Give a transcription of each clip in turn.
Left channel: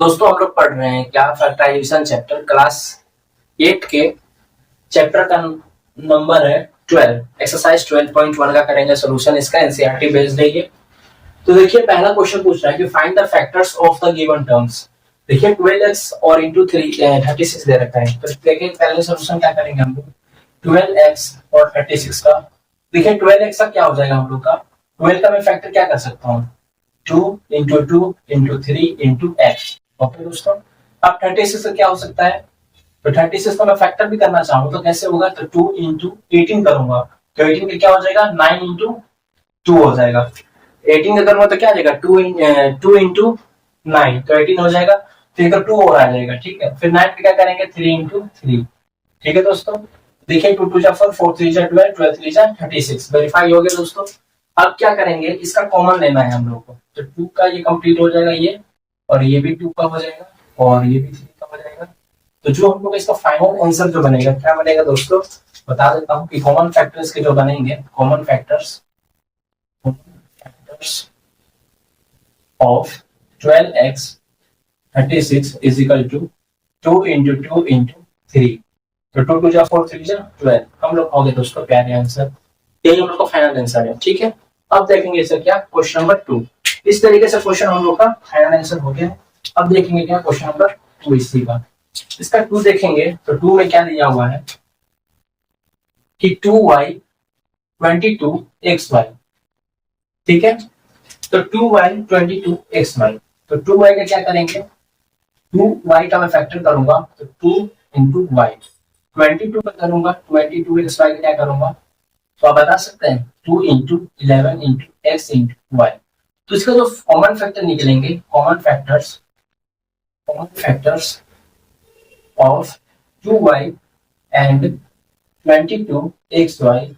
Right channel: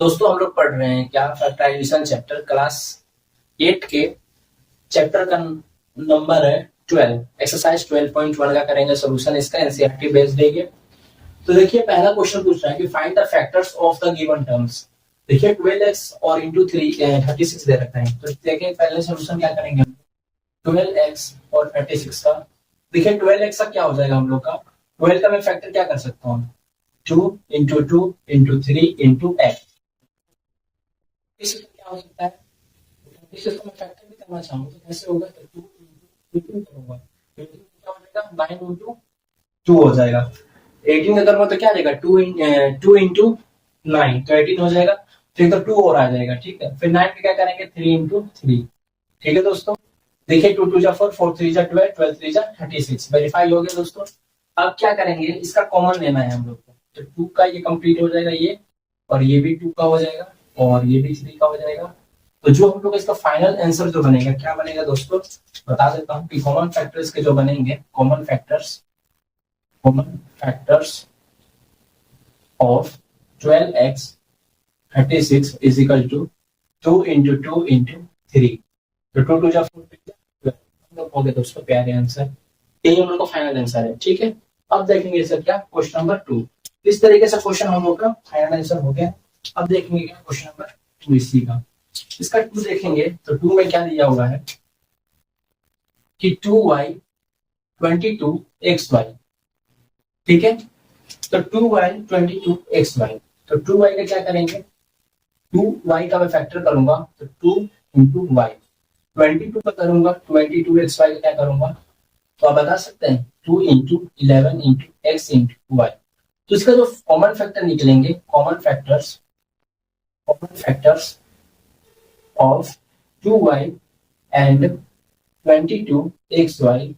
दोस्तों हम लोग पढ़ रहे हैं क्या फैक्टराइजेशन चैप्टर क्लास 8 के चैप्टर का नंबर है 12 एक्सरसाइज 12.1 का करेंगे सोल्यूशन। इसका एनसीईआरटी बेस्ड है ये। तो देखिए पहला क्वेश्चन पूछ रहा है कि find the factors of the given terms. देखिए 12x और इंटू 36 दे रखा है। तो देखिए पहले सोल्यूशन क्या करेंगे हम लोग 12x और 36 का। देखिए 12x का क्या हो जाएगा हम लोग का 12 का मैं फैक्टर क्या कर सकता हूँ 2 into 2 into 3 into x। Okay दोस्तों, अब 36 से क्या हो सकता है तो 36 को मैं फैक्टर भी करना चाहूँ तो कैसे होगा तो 2 इंटू 18 करूंगा तो 18 का क्या हो जाएगा 9 इंटू 2 हो जाएगा। 18 का करूंगा तो क्या आ जाएगा 2 इंटू 9 तो 18 हो जाएगा। फिर तो 2 और आ जाएगा, ठीक है। फिर 9 पे क्या करेंगे 3 इंटू 3, ठीक है दोस्तों। देखिए 2 2 जा 4 4 3 जा 12 12 3 जा 36 वेरीफाई हो गया दोस्तों। अब क्या करेंगे इसका कॉमन लेना है हम लोग को तो 2 का ये कंप्लीट हो जाएगा ये, और ये भी 2 का हो जाएगा और ये भी 3 का हो जाएगा। तो जो हम लोग इसका फाइनल आंसर जो बनेगा क्या बनेगा दोस्तों बता देता हूँ कि कॉमन फैक्टर्स के जो बनेंगे common factors of 12x 36 is equal to 2 into 2 into 3। तो 2 2 जा 4 3 जा 12 हम लोग हो गए दोस्तों प्यारे आंसर। यही हम लोग का फाइनल आंसर है, ठीक है। अब देखेंगे सर क्या क्वेश्चन नंबर 2। इस तरीके से क्वेश्चन हम लोग का फाइनल आंसर हो गया। अब देखेंगे क्या क्वेश्चन नंबर 2 इसी का। इसका 2 देखेंगे तो 2 में क्या दिया हुआ है कि 2y 22xy, ठीक है। तो 2y 22xy, तो 2y का क्या करेंगे 2y का मैं फैक्टर करूंगा तो 2 इंटू वाई, 22 का करूंगा 22xy का क्या करूंगा तो आप बता सकते हैं 2 into 11 into x into y. तो इसका जो कॉमन फैक्टर निकलेंगे common factors of 2y and 22xy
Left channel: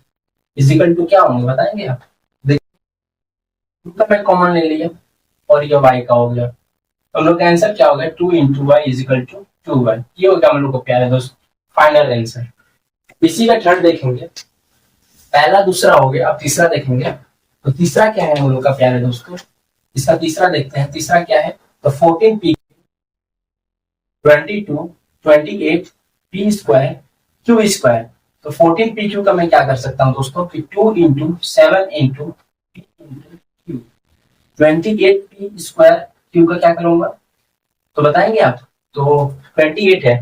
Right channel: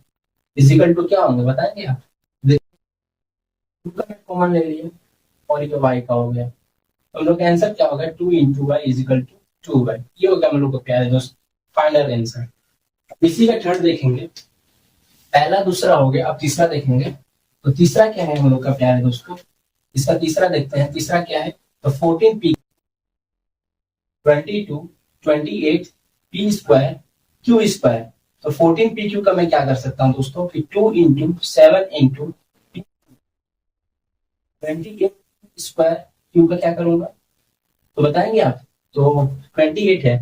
is equal to क्या होंगे बताएंगे आप। देखिए 2 का मैं कॉमन ले लिया और ये y का हो गया तो हम लोग का आंसर क्या हो गया 2 into y is equal to 2y। ये हो गया हम लोग को प्यारे दोस्त फाइनल आंसर। इसी का थर्ड देखेंगे, पहला दूसरा हो गया। अब तीसरा देखेंगे तो तीसरा क्या है हम लोग का प्यारे दोस्तों। इसका तीसरा देखते हैं, तीसरा क्या है तो 14p 22 28 p square q square. तो 14pq का मैं क्या कर सकता हूँ दोस्तों कि 2 into 7 into p into q 28p square q का क्या करूंगा तो बताएंगे आप। तो 28 है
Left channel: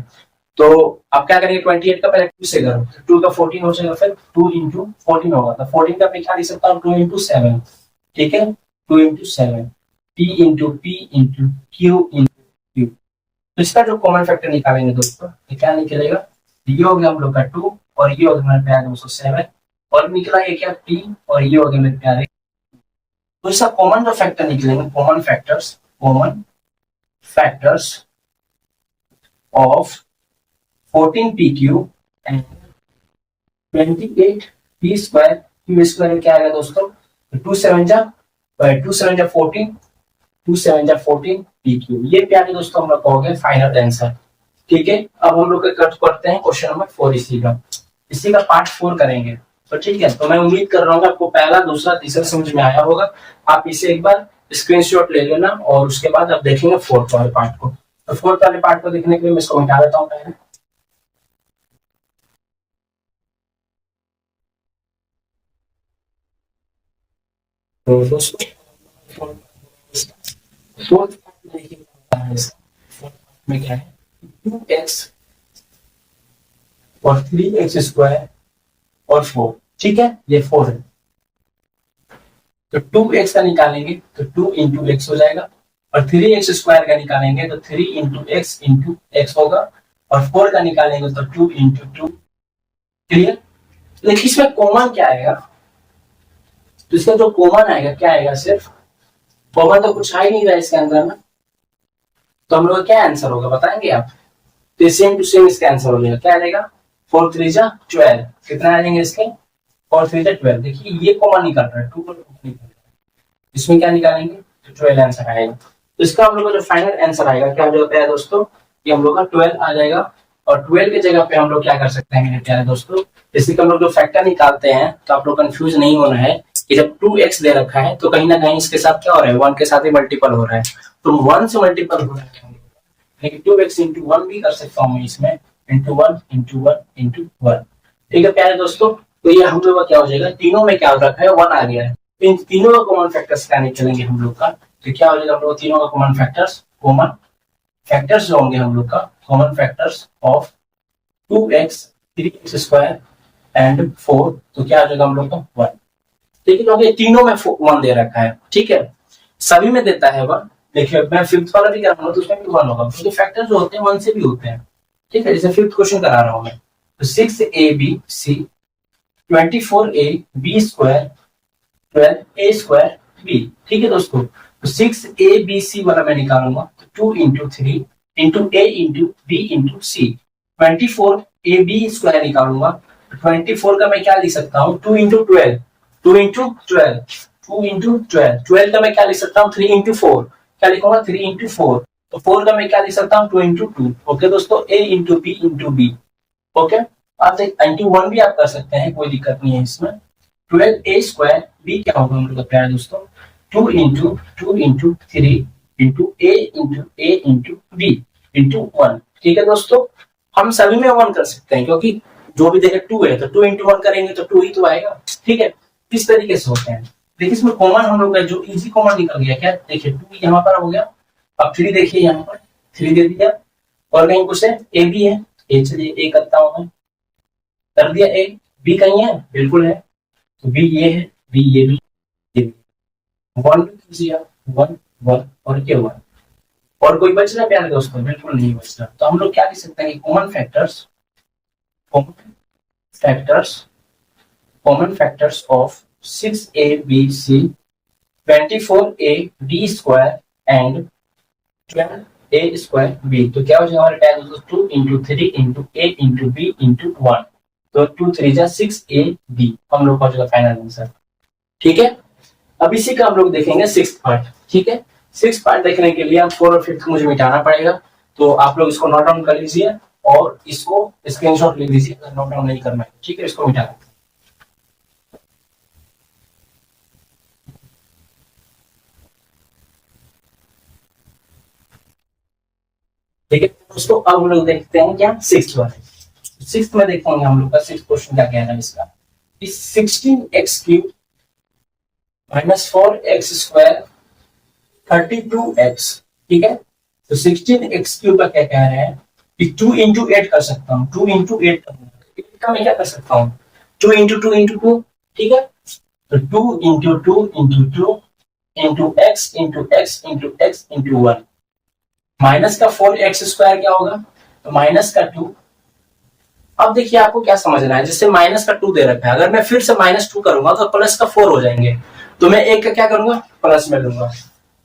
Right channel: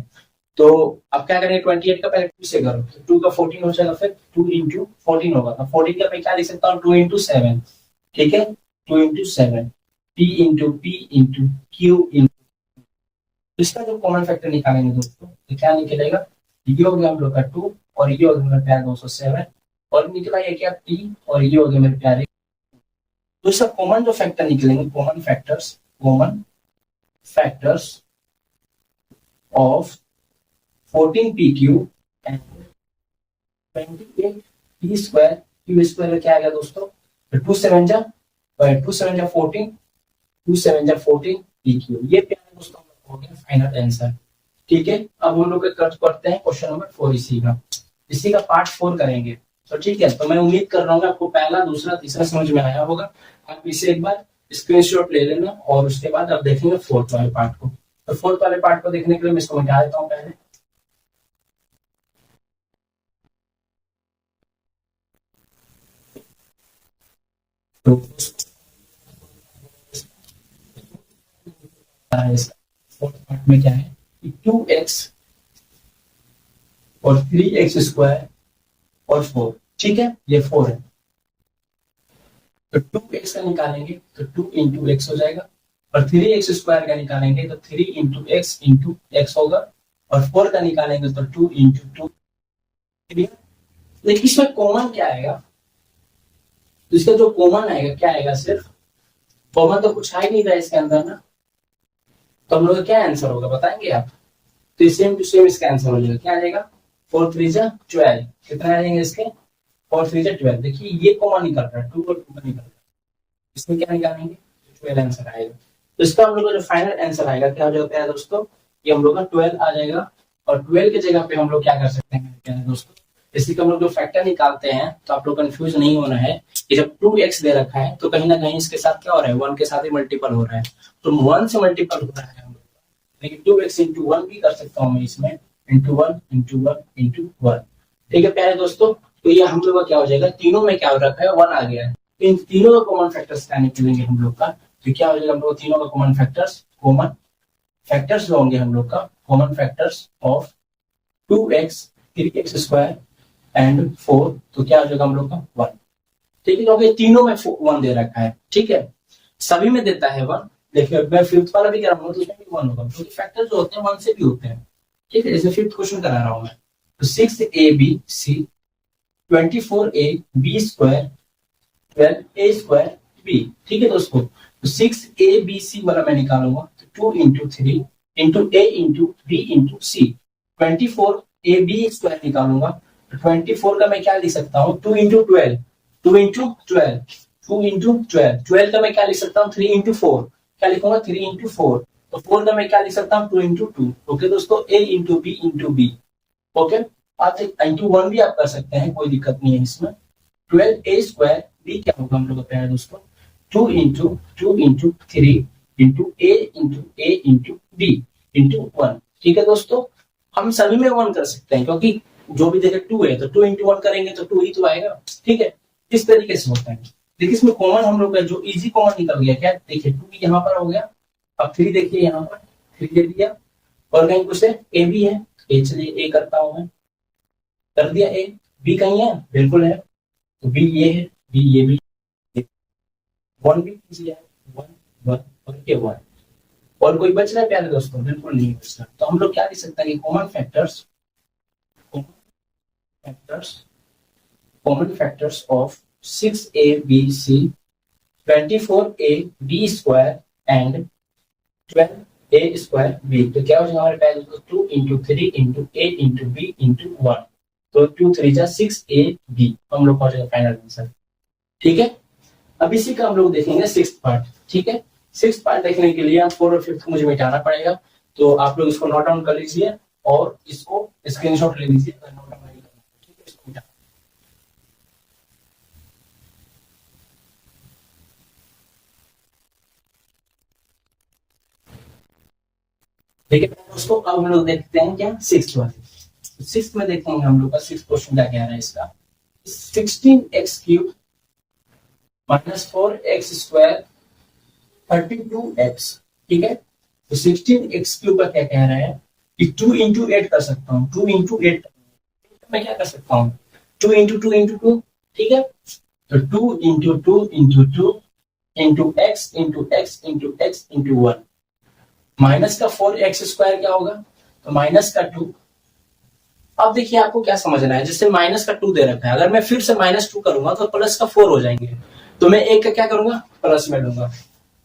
तो आप क्या करेंगे 28 का पहले 2 से करो तो 2 का 14 हो जाएगा, फिर 2 इंटू 14 होगा तो 14 का मैं क्या लिख सकता हूँ 2 इंटू 7, ठीक है। 2 into 7 p into q into q। तो इसका जो कॉमन फैक्टर निकालेंगे दोस्तों ये क्या निकलेगा ये हो गया हम लोग का 2 और ये हो गया मेरे प्यारे 207 और निकला ये क्या p और ये हो गया मेरे प्यारे। तो इसका कॉमन जो फैक्टर निकलेंगे common factors of 14pq and 28p square q square क्या आएगा दोस्तों तो 2 7 जा 14 2 7 जा 14 pq। ये प्यारे दोस्तों हम लोग कहोगे फाइनल आंसर, ठीक है। अब हम लोग करते हैं क्वेश्चन नंबर 4 इसी का पार्ट 4 करेंगे। तो ठीक है, तो मैं उम्मीद कर रहा हूँ आपको पहला दूसरा तीसरा समझ में आया होगा। आप इसे एक बार स्क्रीनशॉट ले लेना और उसके बाद आप देखेंगे फोर्थ वाले पार्ट को। तो फोर्थ वाले पार्ट को देखने के लिए मैं इसको मिटा देता हूँ पहले। तो दोस्तों फोर्थ पार्ट में देखिए फोर्थ पार्ट में क्या है 2x और 3x स्क्वायर और 4, ठीक है। ये 4 है तो 2x का निकालेंगे तो 2 इंटू एक्स हो जाएगा और 3x स्क्वायर का निकालेंगे तो 3 इंटू एक्स होगा और 4 का निकालेंगे तो 2 इंटू 2। क्लियर। देखिए इसमें कॉमन क्या आएगा तो इसका जो कॉमन आएगा क्या आएगा सिर्फ कॉमन तो कुछ आ ही नहीं रहा इसके अंदर ना। तो हम लोग क्या आंसर होगा बताएंगे आप। तो सेम टू सेम इसका आंसर हो जाएगा क्या आ जाएगा 4 3 जा 12 कितना आ जाएंगे इसके 4 3 जा 12। देखिए ये कॉमन निकल रहा है 2 और 2 का निकल रहा है, इसमें क्या निकालेंगे तो 12 आंसर आएगा। तो इसका हम लोग का जो फाइनल आंसर आएगा क्या हो जाता है दोस्तों ये हम लोग का 12 आ जाएगा। और 12 की जगह पे हम लोग क्या कर सकते हैं मेरे प्यारे दोस्तों जैसे कि हम लोग जो फैक्टर निकालते हैं तो आप लोग कंफ्यूज नहीं होना है कि जब 2x दे रखा है तो कहीं ना कहीं इसके साथ क्या हो रहा है 1 के साथ ही मल्टीपल हो रहा है। तो 1 से मल्टीपल हो रहा है लेकिन 2x इंटू वन भी कर सकता हूँ मैं इसमें, into one into one into one. ठीक है प्यारे दोस्तों, तो ये हम लोग का क्या हो जाएगा, तीनों में क्या रखा है, वन आ गया है। इन तीनों का कॉमन फैक्टर्स क्या निकलेंगे हम लोग का, तो क्या हो जाएगा हम लोग तीनों का कॉमन फैक्टर्स जो होंगे हम लोग का, common factors of 2x 3x square and 4, तो क्या हो जाएगा हम लोग का 1। ठीक है, क्योंकि तीनों में 1 दे रखा है। ठीक है, सभी में देता है 1। देखिए मैं फिफ्थ वाला भी कर रहा हूँ तो उसमें भी 1 होगा, क्योंकि फैक्टर जो होते हैं 1 से भी होते हैं। ठीक है, जैसे फिफ्थ क्वेश्चन करा रहा हूँ मैं, तो 6ab c 24ab square 12a square b। ठीक है दोस्तों, तो 6abc वाला मैं निकालूंगा, तो 2 into 3 into a into b into c। 24ab square निकालूंगा, तो 24 का मैं क्या लिख सकता हूँ, 2 इंटू 12, 2 इंटू 12, 2 इंटू 12, 12 का मैं क्या लिख सकता हूँ, 3 इंटू 4, क्या लिखूंगा 3 इंटू 4, तो 4 का मैं क्या लिख सकता हूँ, 2 इंटू 2। ओके दोस्तों, a into b into b। Okay, आप इंटू 1 भी आप कर सकते हैं, कोई दिक्कत नहीं है इसमें। 12a स्क्वायर b क्या होगा हम लोग का प्यारे दोस्तों, 2 into 2 into 3 into a into b into 1। ठीक है दोस्तों, हम सभी में 1 कर सकते हैं, क्योंकि जो भी देखे 2 है तो 2 इंटू 1 करेंगे तो 2 ही तो आएगा। ठीक है, इस तरीके से होते हैं। देखिए इसमें कॉमन हम लोग का जो इजी कॉमन निकल गया, क्या देखिए 2 यहाँ पर हो गया, अब 3 देखिए यहाँ पर 3 दे दिया, और कहीं कुछ है a भी है, a चलिए a करता हूं मैं, कर दिया a। b कहीं है, बिल्कुल है, तो b ये है, b ये भी, ये भी। 1 भी कर दिया, 1 1 और ये 1, और कोई बच रहा है प्यारे दोस्तों, बिल्कुल नहीं बच रहा। तो हम लोग क्या लिख सकते हैं कि common factors of 6abc 24ab square and 12a square b। तो क्या हो जाएगा हमारे पास, 2 into 3 into a into b into 1, तो 2 3 जा 6ab हम लोग का हो जाएगा फाइनल आंसर। ठीक है, अब इसी का हम लोग देखेंगे 6th पार्ट। ठीक है, 6th पार्ट देखने के लिए आप 4 और 5th को मुझे मिटाना पड़ेगा, तो आप लोग इसको नोट डाउन कर लीजिए और इसको स्क्रीनशॉट ले लीजिए, अगर नोट डाउन नहीं करना है। ठीक है, इसको मिटा, ठीक है दोस्तों। अब हम लोग देखते हैं क्या 6th वाले। 6th में देखेंगे हम लोग का 6th क्वेश्चन क्या कह रहा है इसका, 16x cube minus 4x square 32x। ठीक है, तो 16x क्यूब का क्या कह रहा है कि 2 इंटू 8 कर सकता हूँ, 2 इंटू 8 का मैं क्या कर सकता हूँ, 2 इंटू 2 इंटू 2। ठीक है, तो 2 into 2 into 2 into x into x into x into 1, minus का 4x स्क्वायर क्या होगा, तो माइनस का 2। अब देखिए आपको क्या समझना है, जैसे माइनस का 2 दे रखा है, अगर मैं फिर से -2 करूंगा तो प्लस का 4 हो जाएंगे, तो मैं एक का क्या करूंगा, प्लस में लूंगा,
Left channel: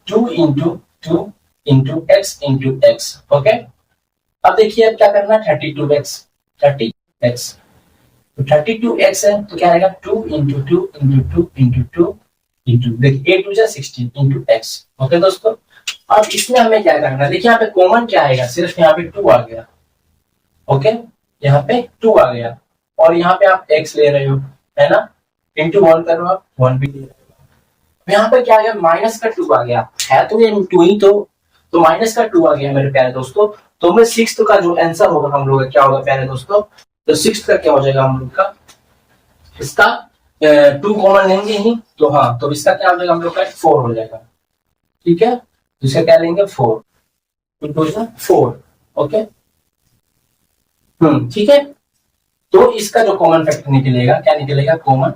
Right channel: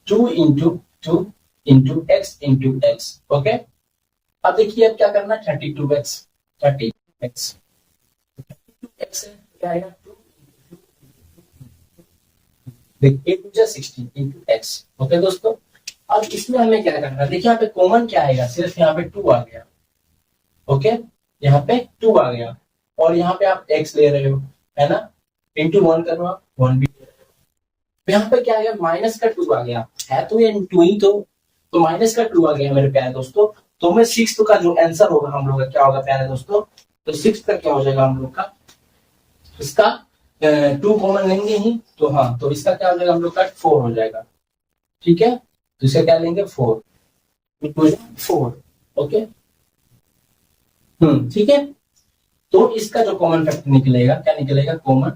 2 into 2 into x into x. Okay, अब देखिए अब क्या करना है, 32x, तो 32x है तो क्या आएगा, 2 इंटू 2 इंटू 2 इंटू 2 इंटू, देखिए 8 2 16 इंटू x। ओके दोस्तों, अब इसमें हमें क्या करना है, देखिए यहाँ पे कॉमन क्या आएगा, सिर्फ यहाँ पे 2 आ गया। ओके, यहाँ पे 2 आ गया, और यहाँ पे आप x ले रहे हो, है ना, इंटू 1 करो आप, 1 भी ले रहे हो। यहाँ पे क्या आ गया, माइनस का 2 आ गया, है तो ये 2 ही, तो माइनस का 2 आ गया मेरे प्यारे दोस्तों। तो मैं 6th का जो आंसर होगा हम लोग का क्या होगा प्यारे दोस्तों, तो 6th का क्या हो जाएगा हम लोग का, इसका 2 कॉमन लेंगे ही, तो हाँ, तो इसका क्या हो जाएगा हम लोग का 4 हो जाएगा। ठीक है, तो इसका क्या लेंगे 4, 2 2 4। ओके, ठीक है, तो इसका जो कॉमन फैक्टर निकलेगा, क्या निकलेगा, common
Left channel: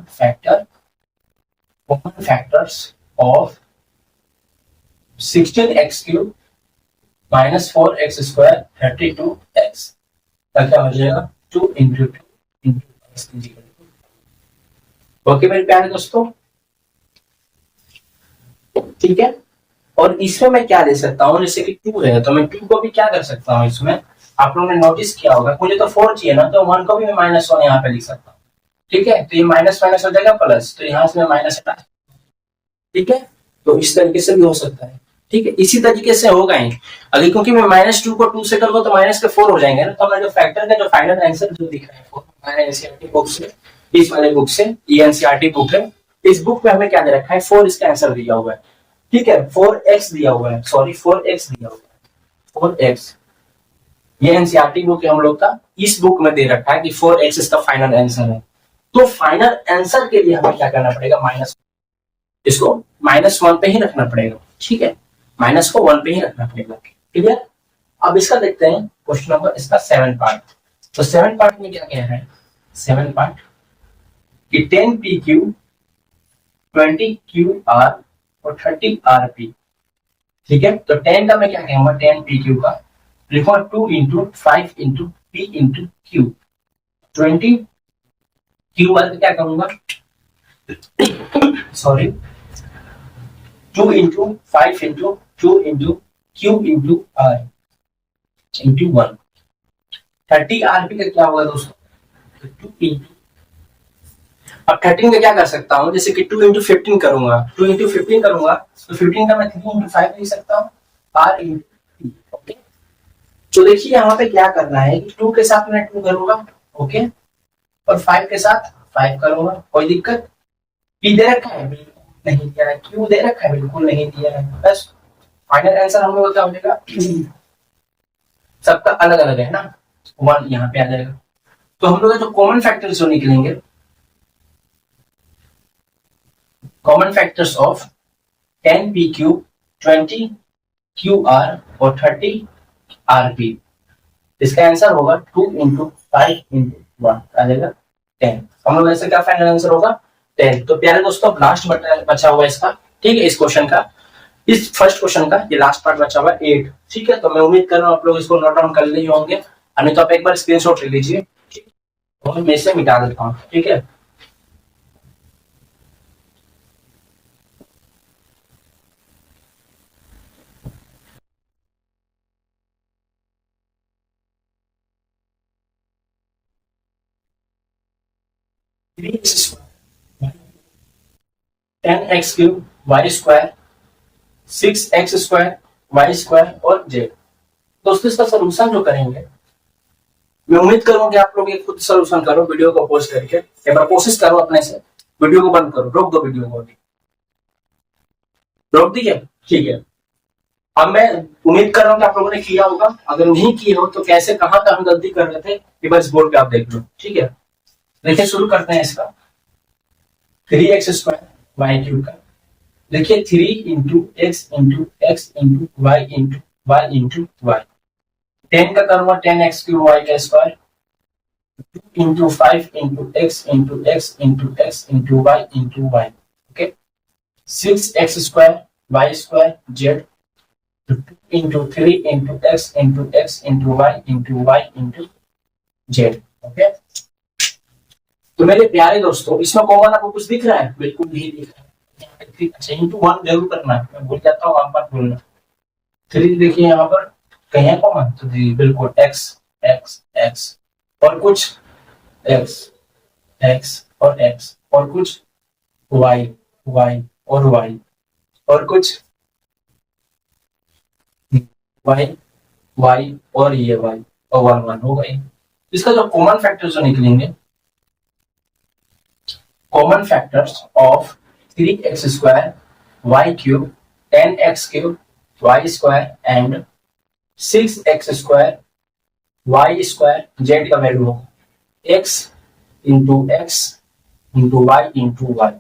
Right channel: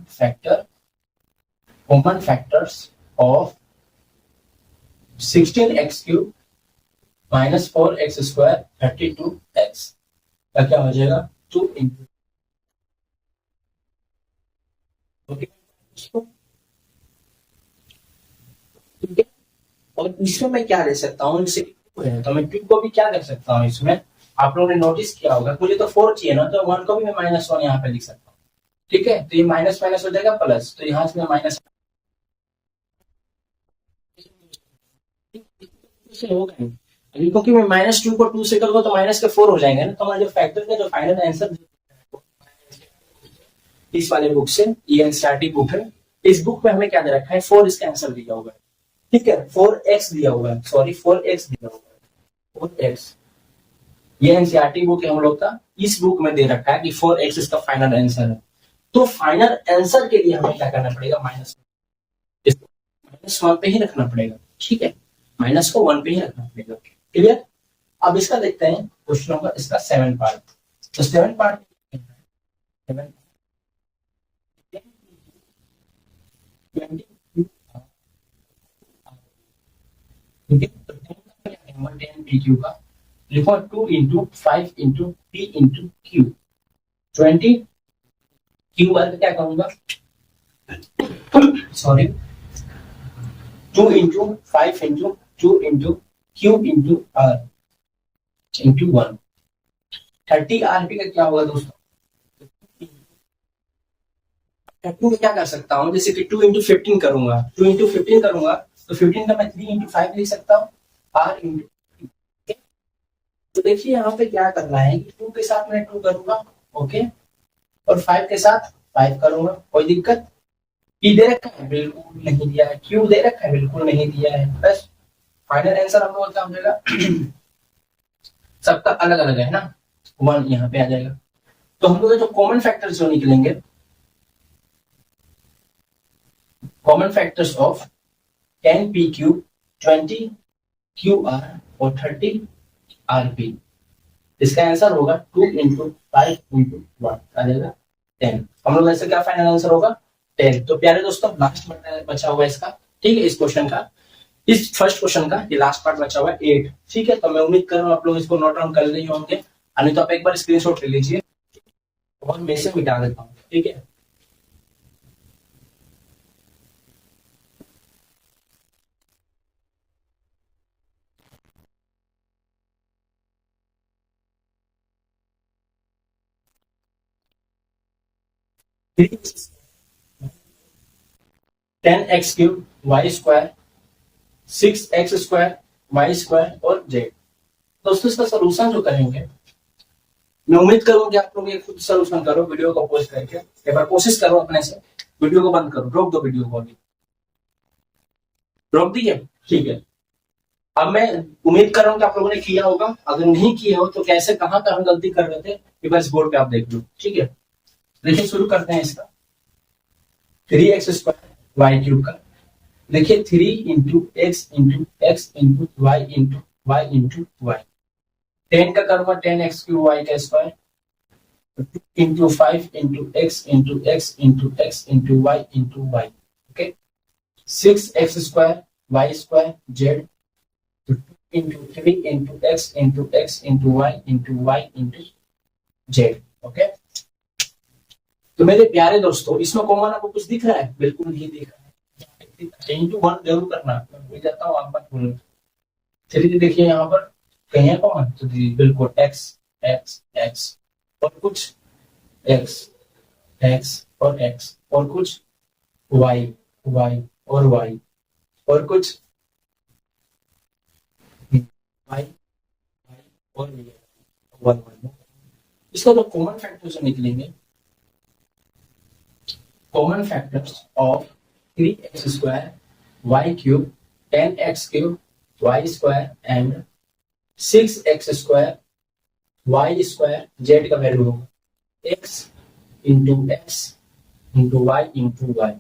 factors of 16x cube minus 4x square 32x का क्या हो जाएगा, 2 इंटू 2 इंटू एक्स। ओके मेरे प्यारे दोस्तों, ठीक है, और इसमें मैं क्या ले सकता हूँ, जैसे कि 2 है तो मैं 2 को भी क्या कर सकता हूँ, इसमें आप लोगों ने नोटिस किया होगा, मुझे तो 4 चाहिए ना, तो 1 को भी मैं -1 यहाँ पे लिख सकता हूँ। ठीक है, तो ये माइनस माइनस हो जाएगा प्लस, तो यहाँ से मैं माइनस हटा। ठीक है, तो इस तरीके से भी हो सकता है। ठीक है, इसी तरीके से होगा ही, अगर क्योंकि मैं -2 को 2 से करूंगा तो माइनस के 4 हो जाएंगे ना, तो हमारा जो फैक्टर का जो फाइनल आंसर जो दिख रहा है वो हमारे एनसीईआरटी बुक से, इस वाले बुक से, ये एनसीईआरटी बुक है, इस बुक में हमें क्या दे रखा है, 4 इसका आंसर दिया हुआ है। ठीक है, 4x दिया हुआ है, सॉरी 4x दिया हुआ है, 4x ये एनसीईआरटी बुक है हम लोग का, इस बुक में दे रखा है कि 4x इसका फाइनल आंसर है। तो फाइनल आंसर के लिए हमें क्या करना पड़ेगा, माइनस, इसको -1 पे ही रखना पड़ेगा, ठीक है, माइनस को 1 पे ही रखना पड़ेगा, क्लियर। अब इसका देखते हैं क्वेश्चन नंबर इसका 7 पार्ट। तो 7 पार्ट में क्या कह रहा है, 7 पार्ट कि 10 PQ 20 QR और 30 RP, ठीक है। तो 10 का मैं क्या कहूंगा, 10 PQ का लिखूंगा 2 into 5 into P into Q, 20 QR का क्या करूंगा, sorry 2 into 5 into 2 into Q into R into 1। 30 RP का क्या होगा दोस्तों, 2 इंटू, अब 13 का क्या कर सकता हूँ, जैसे कि 2 इंटू 15 करूंगा, 2 इंटू 15 करूंगा तो 15 का मैं 3 इंटू 5 लिख सकता हूँ, R इंटू, ओके। तो देखिए यहाँ पे क्या करना है कि 2 के साथ मैं 2 करूंगा, ओके, और 5 के साथ 5 करूंगा, कोई दिक्कत। P दे रखा है, बिल्कुल नहीं दिया है। Q दे रखा है, बिल्कुल नहीं दिया है। बस फाइनल आंसर हम लोग क्या हो जाएगा, सबका अलग अलग है ना, 1 यहाँ पे आ जाएगा। तो हम लोग जो कॉमन फैक्टर्स जो निकलेंगे, common factors of 10 PQ 20 QR और 30 RP, इसका आंसर होगा 2 इंटू 5 इंटू 1 आ जाएगा 10। हम लोग ऐसे क्या फाइनल आंसर होगा 10। तो प्यारे दोस्तों लास्ट बचा हुआ है इसका, ठीक है, इस क्वेश्चन का, इस फर्स्ट क्वेश्चन का ये लास्ट पार्ट बचा हुआ है 8, ठीक है। तो मैं उम्मीद कर रहा हूँ आप लोग इसको नोट डाउन कर लिए होंगे, अन्य तो आप एक बार स्क्रीनशॉट ले लीजिए, ठीक है, और मैं इसे मिटा देता हूँ, ठीक है। Ten x cube y square 6x square y square और जेड। दोस्तों इसका सोल्यूशन जो करेंगे, मैं उम्मीद करूंगा कि आप लोग ये खुद सोल्यूशन करो, वीडियो को पॉज करके एक बार कोशिश करो अपने से, वीडियो को बंद करो, रोक दो वीडियो को, अभी रोक दिए, ठीक है। अब मैं उम्मीद कर रहा हूँ कि आप लोगों ने किया होगा, अगर नहीं किए हो तो कैसे कहाँ का हम गलती कर रहे थे ये बस बोर्ड पे आप देख लो, ठीक है। देखिए शुरू करते हैं इसका 3x स्क्वायर वाई क्यूब का, देखिए 3 into x into x into y into y into y, 10 का करूंगा 10x क्यूब वाई का square, 2 into 5 into x into x into x into y into y, okay, 6x square y square z, 2 into 3 into x into x into y into z, okay. तो मेरे प्यारे दोस्तों इसमें common आपको कुछ दिख रहा है, बिल्कुल नहीं दिख रहा है, अच्छा इंटू 1 जरूर करना है, मैं भूल जाता हूँ, आप बात बोलना। 3 देखिए यहाँ पर कहीं है कॉमन, तो जी बिल्कुल एक्स एक्स एक्स और कुछ एक्स एक्स और एक्स और कुछ वाई वाई और वाई और कुछ वाई वाई और ये वाई और 1 1 हो गई। इसका जो कॉमन फैक्टर्स जो निकलेंगे, common factors of 3x square y cube 10x cube y square and 6x square y square z का वैल्यू होगा x into x into y into y,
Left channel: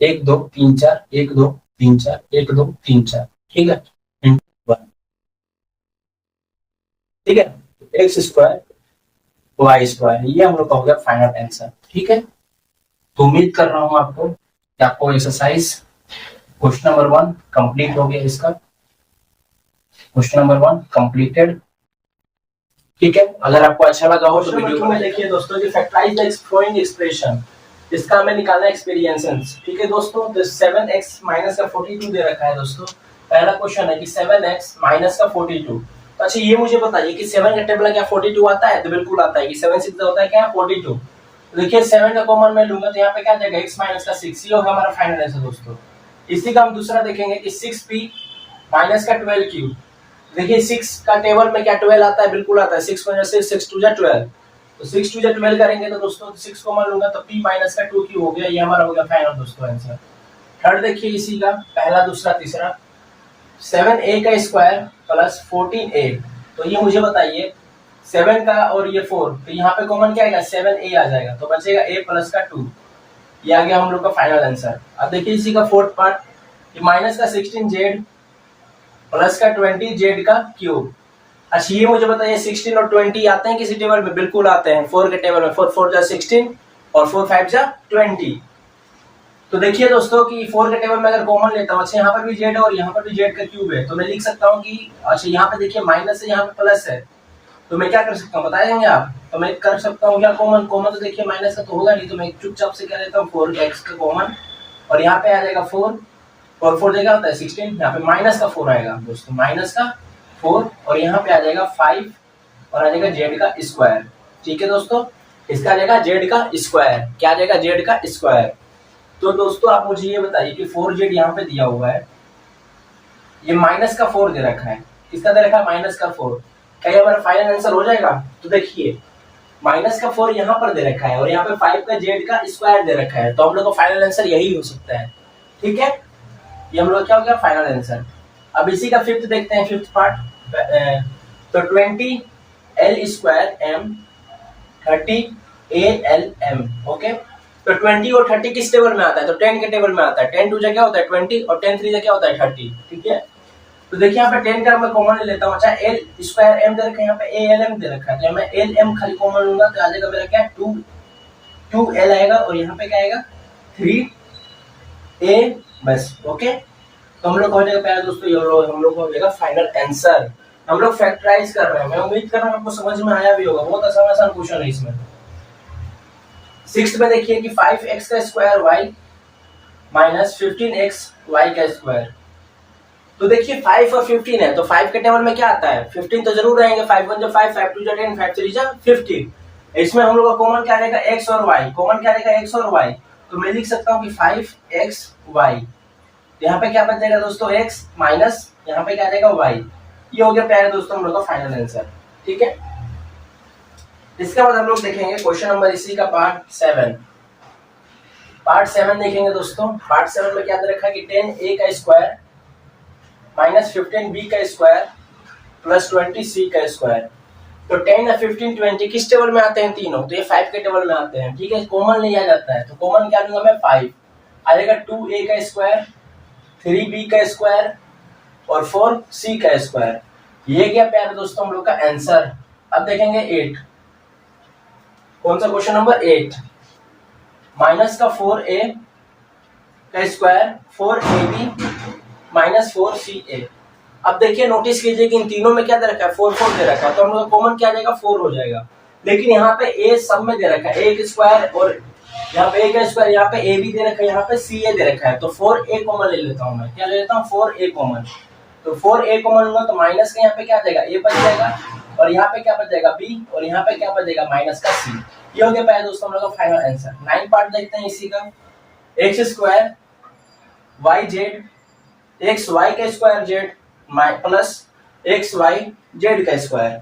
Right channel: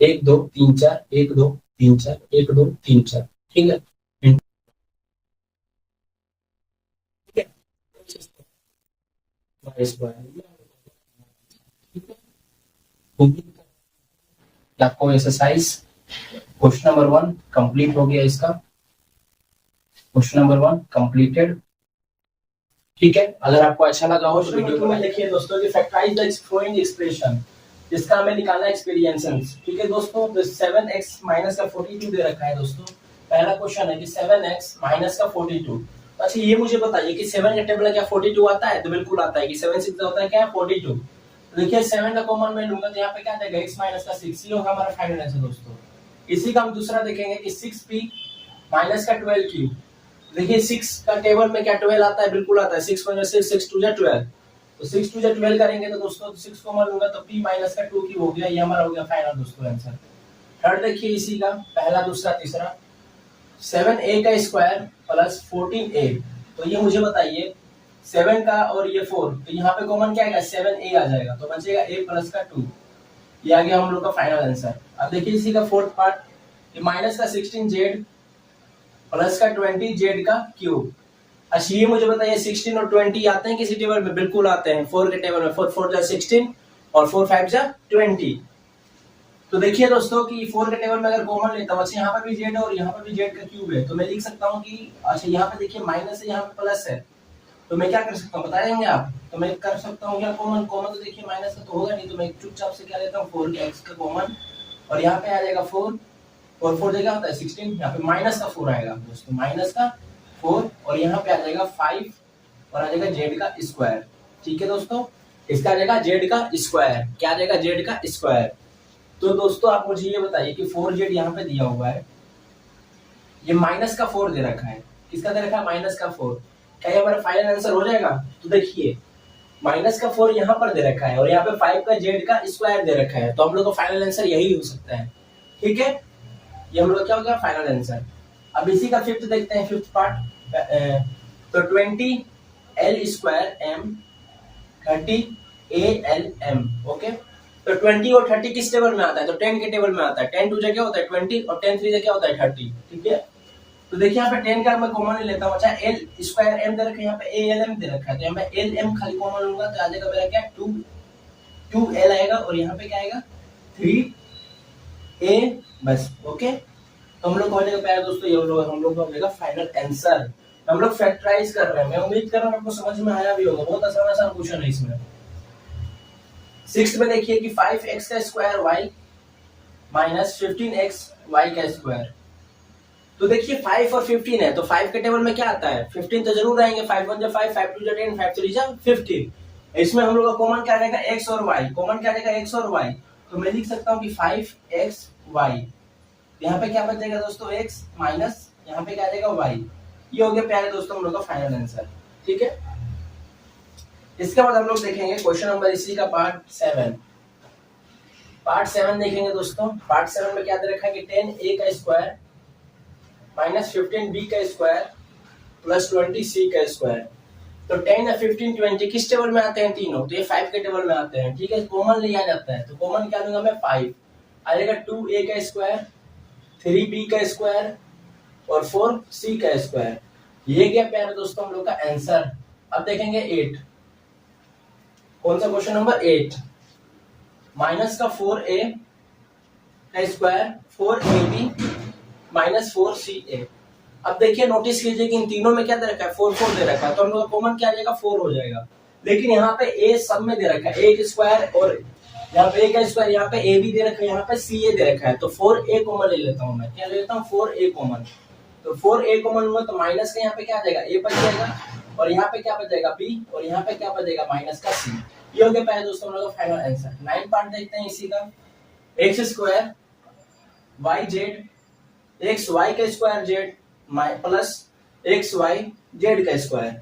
1 2 3 4 1 2 3 4 1 2 3 4, ठीक है, इंटू 1, ठीक है, एक्स स्क्वायर वाई स्क्वायर, ये हम लोग का हो गया फाइनल आंसर, ठीक है। तो उम्मीद कर रहा हूं आपको कि आपको एक्सरसाइज क्वेश्चन नंबर 1 कंप्लीट हो गया, इसका क्वेश्चन नंबर 1 कंप्लीटेड, ठीक है। अगर आपको अच्छा लगा हो तो वीडियो में देखिए दोस्तों कि फैक्टराइज द फॉलोइंग एक्सप्रेशन, इसका हमें निकालना है एक्सपीरियंसेस, ठीक है दोस्तों। तो 7x माइनस का 42 दे रखा है दोस्तों, पहला क्वेश्चन है कि 7x माइनस का 42। तो अच्छा ये मुझे बताइए कि 7 का टेबल क्या 42 आता है, तो बिल्कुल आता है कि 7 6 होता है क्या 42। देखिए 7 का कॉमन मैं लूंगा तो यहाँ पे क्या आ जाएगा x माइनस का 6, ये होगा हमारा फाइनल आंसर दोस्तों। इसी का हम दूसरा देखेंगे कि 6p माइनस का 12 क्यूब, देखिए 6 का टेबल में क्या 12 आता है, बिल्कुल आता है, 6 में से 6 2 12, तो 6 2 12 करेंगे तो दोस्तों 6 को मान लूंगा तो p माइनस का 2 क्यूब हो गया, ये हमारा हो गया फाइनल दोस्तों आंसर। थर्ड देखिए इसी का पहला दूसरा तीसरा 7a का स्क्वायर प्लस 14a, तो ये मुझे बताइए 7 का और ये 4, तो यहाँ पे कॉमन क्या आएगा 7a आ जाएगा, तो बचेगा a प्लस का 2। ये आ गया हम लोग का फाइनल आंसर। अब देखिए इसी का फोर्थ पार्ट कि माइनस का 16z प्लस का 20z का क्यूब। अच्छा ये मुझे बताइए 16 और 20 आते हैं किसी टेबल में? बिल्कुल आते हैं, 4 के टेबल में 4 4 जा 16 और 4 5 जा 20। तो देखिए दोस्तों कि 4 के टेबल में अगर कॉमन लेता हूँ, अच्छा यहाँ पर भी z है और यहाँ पर भी z का क्यूब है, तो मैं लिख सकता हूँ कि अच्छा यहाँ पे देखिए माइनस है, यहाँ पे प्लस है, तो मैं क्या कर सकता हूँ बताएंगे आप? तो मैं कर सकता हूँ क्या कॉमन, कॉमन तो देखिए माइनस का तो होगा नहीं, तो मैं चुपचाप से क्या लेता हूँ 4x का कॉमन, और यहाँ पे आ जाएगा 4 और 4 जगह होता है 16, यहाँ पे माइनस का 4 आएगा दोस्तों, माइनस का 4, और यहाँ पे आ जाएगा 5 और आ जाएगा z का स्क्वायर। ठीक है दोस्तों, इसका आ जाएगा z का स्क्वायर। क्या आ जाएगा? z का स्क्वायर। तो दोस्तों आप मुझे ये बताइए कि 4z यहाँ पे दिया हुआ है, ये माइनस का 4 दे रखा है, किसका दे रखा है? माइनस का 4। क्या ये हमारा फाइनल आंसर हो जाएगा? तो देखिए माइनस का 4 यहाँ पर दे रखा है और यहाँ पे 5 का z का स्क्वायर दे रखा है, तो हम लोग का फाइनल आंसर यही हो सकता है। ठीक है, ये हम लोग क्या हो गया फाइनल आंसर। अब इसी का फिफ्थ देखते हैं, फिफ्थ पार्ट। तो 20 l square m 30 a l m। Okay, तो 20 और 30 किस टेबल में आता है? तो 10 के टेबल में आता है। 10 2 क्या होता है 20 और 10 3 क्या होता है 30। ठीक है, तो देखिए यहाँ पे 10 का मैं कॉमन ले लेता हूँ। अच्छा l स्क्वायर m दे रखा है, यहाँ पे a l m दे रखा है, तो मैं l m खाली कॉमन लूंगा तो आ जाएगा मेरा क्या 2 l आएगा, और यहाँ पे क्या आएगा 3 a बस। ओके, तो हम लोग हो जाएगा प्यारे दोस्तों, ये हम लोग हो जाएगा फाइनल आंसर। हम लोग फैक्टराइज कर रहे हैं, मैं उम्मीद कर रहा हूँ आपको समझ में आया भी होगा, बहुत आसान आसान क्वेश्चन है इसमें। सिक्स्थ में देखिए कि 5x का square y minus 15x y का स्क्वायर। तो देखिए 5 और 15 है, तो 5 के टेबल में क्या आता है 15 तो जरूर रहेंगे, 5 1 5 5 2 10 5 3 15। इसमें हम लोग का कॉमन क्या रहेगा x और y, कॉमन क्या रहेगा x और y, तो मैं लिख सकता हूँ कि 5xy। यहाँ पे क्या बच जाएगा दोस्तों x माइनस यहाँ पे क्या आ जाएगा y। ये हो गया प्यारे दोस्तों हम लोग का फाइनल आंसर। ठीक है, इसके बाद हम लोग देखेंगे क्वेश्चन नंबर इसी का पार्ट 7। पार्ट 7 देखेंगे दोस्तों। पार्ट 7 में क्या दे रखा है कि 10a का स्क्वायर माइनस 15b का स्क्वायर प्लस 20c का स्क्वायर। तो 10 और 15 20 किस टेबल में आते हैं तीनों? तो ये 5 के टेबल में आते हैं। ठीक है, कॉमन लिया जाता है, तो कॉमन क्या लूंगा मैं 5, आ जाएगा 2a का स्क्वायर 3b का स्क्वायर और 4c का स्क्वायर। ये क्या प्यारे दोस्तों हम लोग का आंसर। अब देखेंगे 8, कौन सा क्वेश्चन नंबर 8, माइनस का 4a का स्क्वायर 4ab माइनस 4ca। अब देखिए नोटिस कीजिए कि इन तीनों में क्या दे रखा है 4 4 दे रखा है, तो हम लोग कॉमन क्या आ जाएगा 4 हो जाएगा। लेकिन यहाँ पे a सब में दे रखा है, a स्क्वायर और यहाँ पे a का स्क्वायर, यहाँ पे a भी दे रखा है, यहाँ पे ca दे रखा है, तो 4a कॉमन ले लेता हूँ मैं। क्या ले लेता हूँ 4a कॉमन, तो 4a कॉमन लूंगा तो माइनस का यहाँ पे क्या आ जाएगा a बच जाएगा, और यहाँ पे क्या बच जाएगा b, और यहाँ पे क्या बच जाएगा माइनस का c। ये हो गया पहले दोस्तों हम लोग का फाइनल आंसर। 9 पार्ट देखते हैं इसी का। X square Y Z x Y का square Z plus x Y Z का स्क्वायर।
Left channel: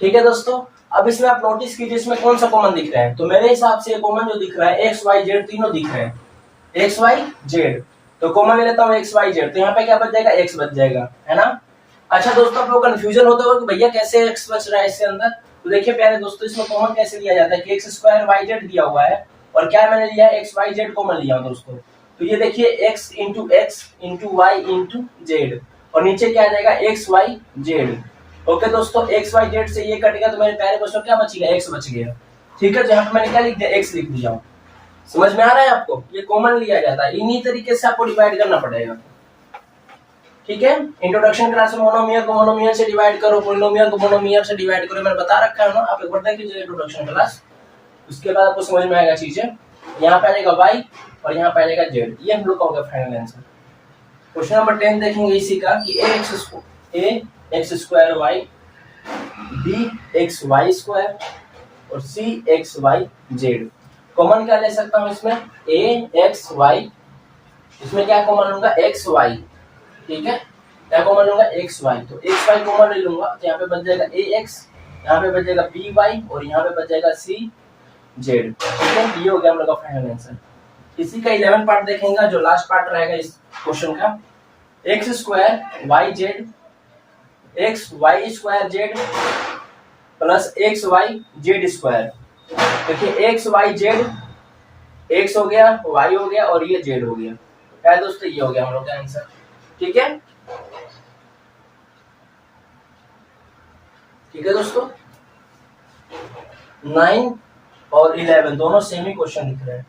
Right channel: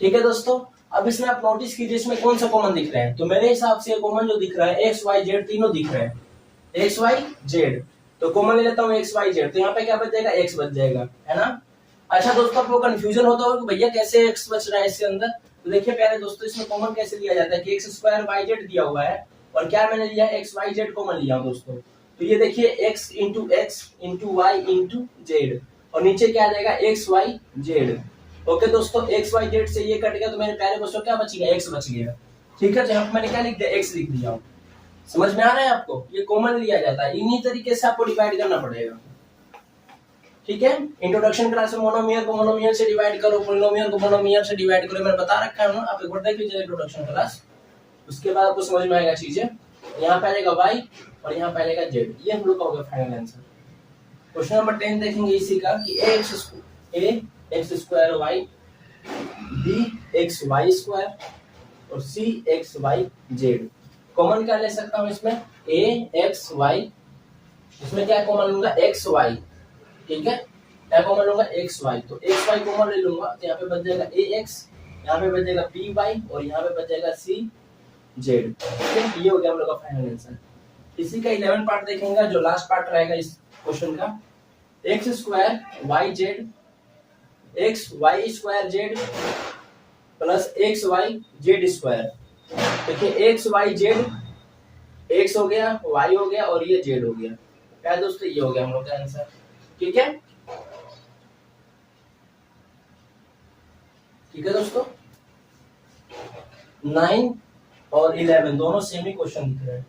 ठीक है दोस्तों, अब इसमें आप नोटिस कीजिए इसमें कौन सा कॉमन दिख रहा है, तो मेरे हिसाब से ये कॉमन जो दिख रहा है एक्स वाई जेड तीनों दिख रहे हैं, एक्स वाई जेड, तो कॉमन ले लेता हूँ एक्स वाई जेड, तो यहाँ पे क्या बच जाएगा एक्स बच जाएगा, है ना। अच्छा दोस्तों आप लोग कंफ्यूजन होता होगा कि भैया कैसे एक्स बच रहा है इसके अंदर, तो देखिए प्यारे दोस्तों इसमें कॉमन कैसे लिया जाता है कि एक्स स्क्वायर वाई जेड दिया हुआ है और क्या मैंने लिया है एक्स वाई जेड कॉमन लिया दोस्तों। तो ये देखिए x into y into z, और नीचे क्या आ जाएगा एक्स वाई जेड। ओके दोस्तों, एक्स वाई जेड से ये कट गया तो मेरे प्यारे बच्चों क्या बच गया एक्स बच गया। ठीक है, तो यहाँ पे मैंने क्या लिख दिया एक्स लिख दिया। समझ में आ रहा है आपको, ये कॉमन लिया जाता है, इन्हीं तरीके से आपको डिवाइड करना पड़ेगा। ठीक है, इंट्रोडक्शन क्लास में मोनोमियर को मोनोमियर से डिवाइड करो, पॉलिनोमियल को मोनोमियर से डिवाइड करो, मैंने बता रखा है ना, आप एक बार देख लीजिए इंट्रोडक्शन क्लास, उसके बाद आपको समझ में आएगा चीजें। यहाँ पे आ जाएगा वाई और यहाँ पे आ जाएगा जेड, ये हम लोग का होगा फाइनल आंसर। क्वेश्चन नंबर 10 देखेंगे इसी का कि A X square Y B X Y square और C X Y Z. Common क्या ले सकता हूँ इसमें ए एक्स वाई, इसमें क्या कॉमन लूंगा एक्स वाई। ठीक है, क्या कॉमन लूंगा एक्स वाई, तो एक्स वाई कॉमन ले लूंगा तो यहाँ पे बच जाएगा ए एक्स, यहाँ पे बच जाएगा बी वाई और यहाँ पे बच जाएगा सी जेड। ठीक है, ये हो गया हम लोग का फाइनल आंसर। इसी का 11 पार्ट देखेंगे जो लास्ट पार्ट रहेगा इस क्वेश्चन का। X square Y Z x Y square Z plus x Y z square. देखिए एक्स वाई जेड, एक्स हो गया, वाई हो गया और ये जेड हो गया। क्या है दोस्तों, ये हो गया हम लोग का आंसर। ठीक है, ठीक है दोस्तों। 9 और 11 दोनों सेम ही क्वेश्चन दिख रहे हैं,